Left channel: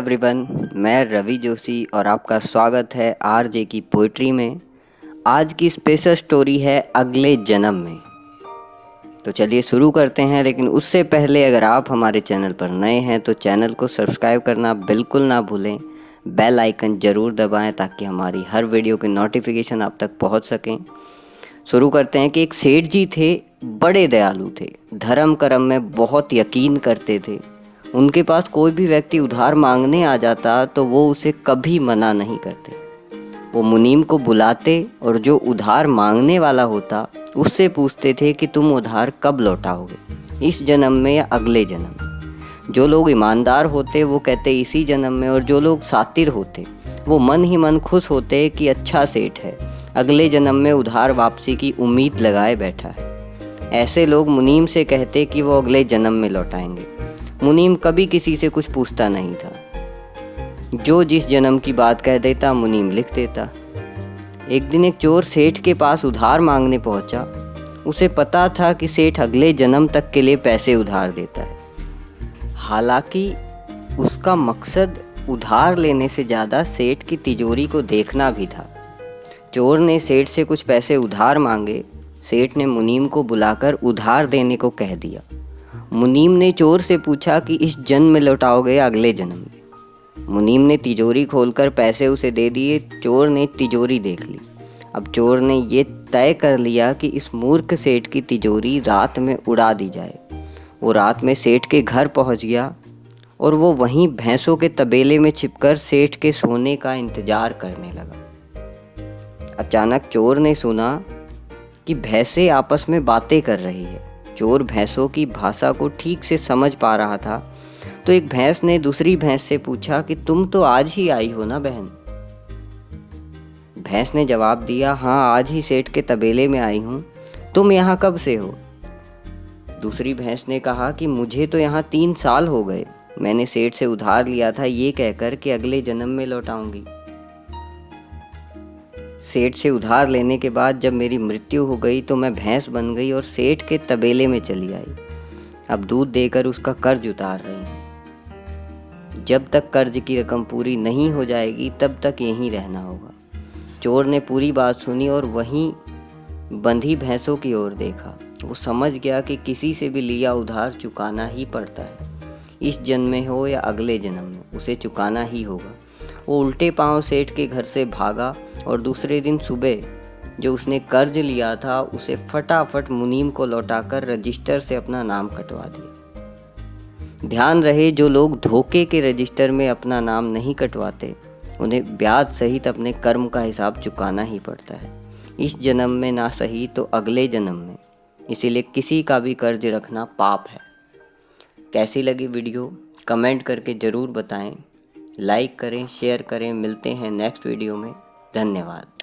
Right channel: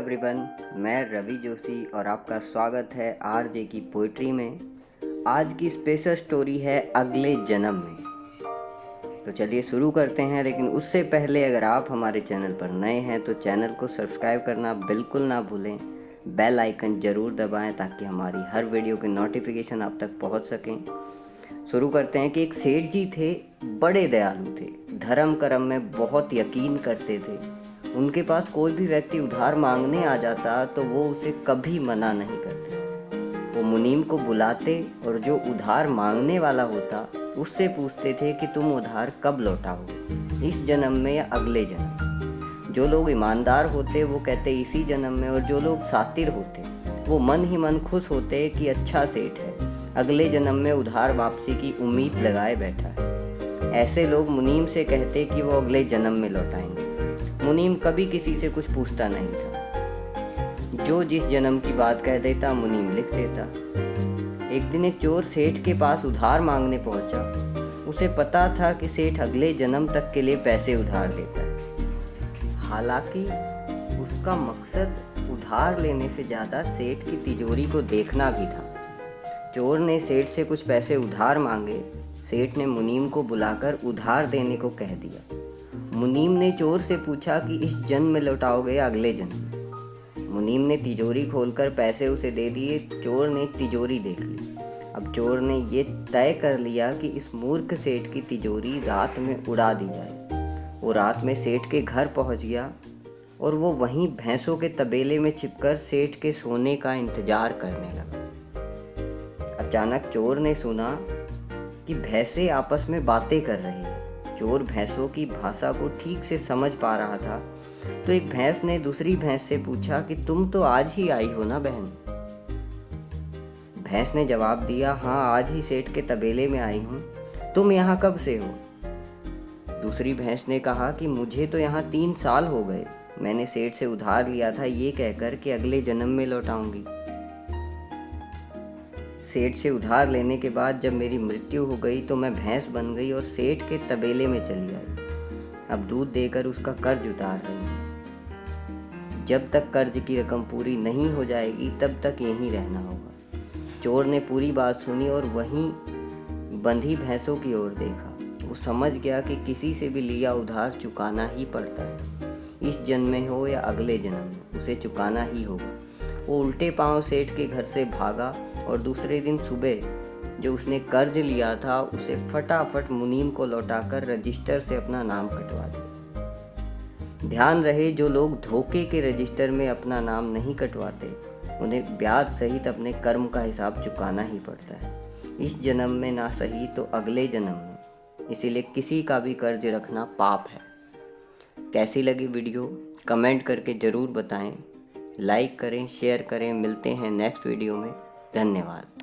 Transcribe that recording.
Everyone, मैं रवि जोशी और आपका स्वागत है आरजे की पोइट्री में। आज की स्पेशल स्टोरी है अगले जन्म में। तो चलिए शुरू करते हैं, लेकिन उससे पहले अगर आप हमारे चैनल पर नए हैं तो चैनल को सब्सक्राइब करना बिल्कुल ना भूलें। बेल आइकन ज़रूर दबाएं ताकि हमारी हर वीडियो की नोटिफिकेशन आप तक पहुंच सकें। शुरू करते हैं कि एक सेठ जी थे, बड़े दयालु थे, धर्म कर्म में बहुत यकीन करते थे। उनके पास कोई भी व्यक्ति उधार मांगने आ जाता तो वो उसे कभी मना नहीं करते। वो मुनीम को बुलाते और जो उधार मांगने वाला होता उससे पूछते थे कि तुम उधार कब लौटाओगे, इस जन्म में या अगले जन्म में। जो लोग ईमानदार होते वो कहते इसी जन्म में, और जो लोग सातिर होते वो मन ही मन खुश होते कि अच्छा सेठ है, अगले जन्म में उधार वापसी की उम्मीद लगाए बैठा है। ऐसे लोग मुनीम से कहते कि वो अगले जन्म में लौटाएंगे। मुनीम कभी किसी से कुछ पूछता नहीं था, जो जिस जन्म की बात कह देता मुनीम लिख देता। एक दिन एक चोर सेठ के पास उधार मांगने पहुंचा। उसे पता था कि सेठ अगले जन्म तक के लिए पैसे उधार देता है। हालांकि उसका मकसद उधार लेने से ज़्यादा सेठ की तिजोरी को देखना भी था। चोर ने सेठ से कुछ पैसे उधार मांगे। सेठ ने मुनीम को बुलाकर उधार देने को कह दिया। मुनीम ने चोर से पूछा कि इस जन्म में लौटाओगे या अगले जन्म में। मुनीम ने तिजोरी खोलकर पैसे उसे दे दिए। चोर ने तिजोरी देख ली। अब चोर ने ये तय कर लिया कि इस मूर्ख सेठ की तिजोरी रात में उड़ा दी जाए। वो रात में सेठ के घर पहुंच गया और वो वहीं भैंसों के तबेले में छिपकर सेठ के सोने का इंतजार करने लगा। अचानक चोर ने सुना कि भैंसें आपस में बातें कर रही है। चोर भैंसों की भाषा को ठीक से समझ पा रहा था, तो एक भैंस ने दूसरी भैंस से पूछा कि तुम तो आज ही आई हो ना बहन। भैंस ने जवाब दिया, हाँ आज ही सेठ के तबेले में आई हूँ। तुम यहाँ कब से हो? दूसरी भैंस ने कहा कि मुझे तो यहाँ 3 साल हो गए। मैंने सेठ से उधार लिया था ये कहकर कि अगले जन्म में लौटाऊंगी। सेठ से उधार लेने के बाद जब मेरी मृत्यु हो गई तो मैं भैंस बन गई और सेठ के तबेले में चली आई। अब दूध देकर उसका कर्ज उतार रही हूँ। जब तक कर्ज की रकम पूरी नहीं हो जाएगी तब तक यहीं रहना होगा। चोर ने पूरी बात सुनी और वहीं बंधी भैंसों की ओर देखा। वो समझ गया कि किसी से भी लिया उधार चुकाना ही पड़ता है। इस जन्म में हो या अगले जन्म में उसे चुकाना ही होगा। वो उल्टे पांव सेठ के घर से भागा और दूसरे दिन सुबह जो उसने कर्ज लिया था उसे फटाफट मुनीम को लौटाकर रजिस्टर से अपना नाम कटवा दिया। ध्यान रहे, जो लोग धोखे के रजिस्टर में अपना नाम नहीं कटवाते उन्हें ब्याज सहित अपने कर्म का हिसाब चुकाना ही पड़ता है। इस जन्म में ना सही तो अगले जन्म में। इसीलिए किसी का भी कर्ज रखना पाप है। कैसी लगी वीडियो कमेंट करके ज़रूर बताएं। लाइक करें, शेयर करें। मिलते हैं नेक्स्ट वीडियो में। धन्यवाद।